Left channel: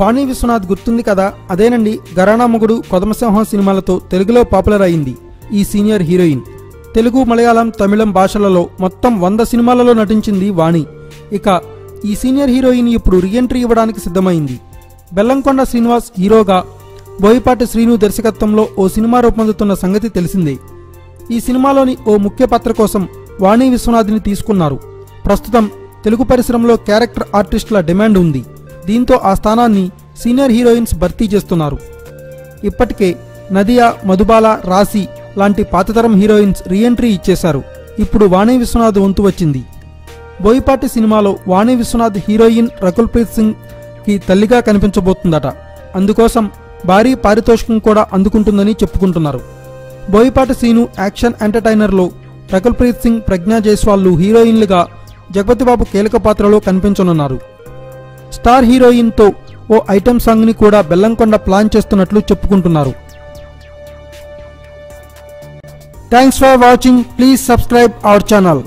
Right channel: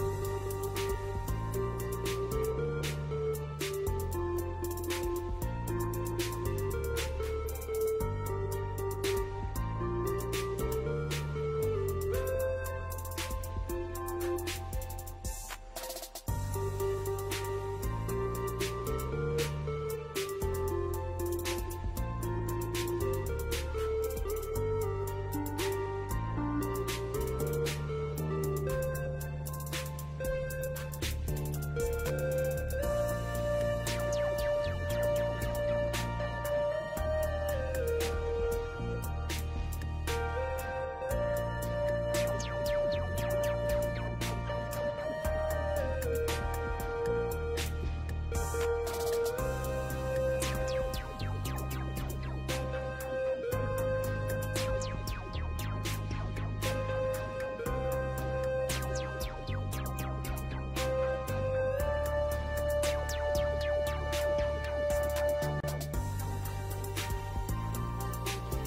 వాణి విశ్వనాథ్ గుర్తుంది కదా, అదేనండి ఘరానా మొగుడు, కొదమసింహం సినిమాలతో తెలుగులో పాపులర్ అయింది ఈ సీనియర్ హీరోయిన్. తెలుగు, మలయాళం, తమిళం భాషలలో మొత్తం 100 సినిమాలలో నటించింది వాణి. ఇక ఈ సీనియర్ హీరోయిన్ ఇప్పుడు రీఎంట్రీ ఇవ్వడానికి సిద్ధమైంది. బెల్లంకొండ శ్రీనివాస్ హీరోగా, బోయపాటి శ్రీను దర్శకత్వంలో ఓ సినిమా రూపొందుతున్న సంగతి తెలిసిందే. ఈ సినిమాలోని ఓ ముఖ్య పాత్ర కోసం వాణి విశ్వనాథ్ని తీసుకున్నారు. ప్రస్తుతం తెలుగు పరిశ్రమలో క్యారెక్టర్ ఆర్టిస్టుల డిమాండ్ ఉంది. దీంతో ఆ స్థానాన్ని సీనియర్ హీరోయిన్స్ భర్తీ చేస్తున్నారు. ఇప్పటికే నదియా, మధుబాల, రాశి లాంటి పాతతరం హీరోయిన్స్ రీఎంట్రీ ఇచ్చేశారు. ఇప్పుడు వాణి విశ్వనాథ్ వంతు వచ్చింది. బోయపాటి సినిమాలో వాణి విశ్వనాథ్ హీరోయిన్ రకుల్ ప్రీత్ సింగ్ కి తల్లిగా కనిపించబోతుందట. అందుకోసం భారీ పారితోషికం కూడా అందుకుంటుందని చెప్పుకుంటున్నారు. బోయపాటి శ్రీను యాక్షన్ ఎంటర్టైనర్లో రకుల్ ప్రీత్ సింగ్, ప్రజ్ఞా జైస్వాల్ హీరోయిన్లుగా, జగపతిబాబు కీలక పాత్రలో కనిపించనున్నారు. స్టార్ హీరోయిన్తో ఓ ఐటెం సాంగ్ని కూడా బెల్లంకొండ ప్లాన్ చేస్తున్నట్లు చెప్పుకుంటున్నారు. Thanks for watching. Please subscribe our channel.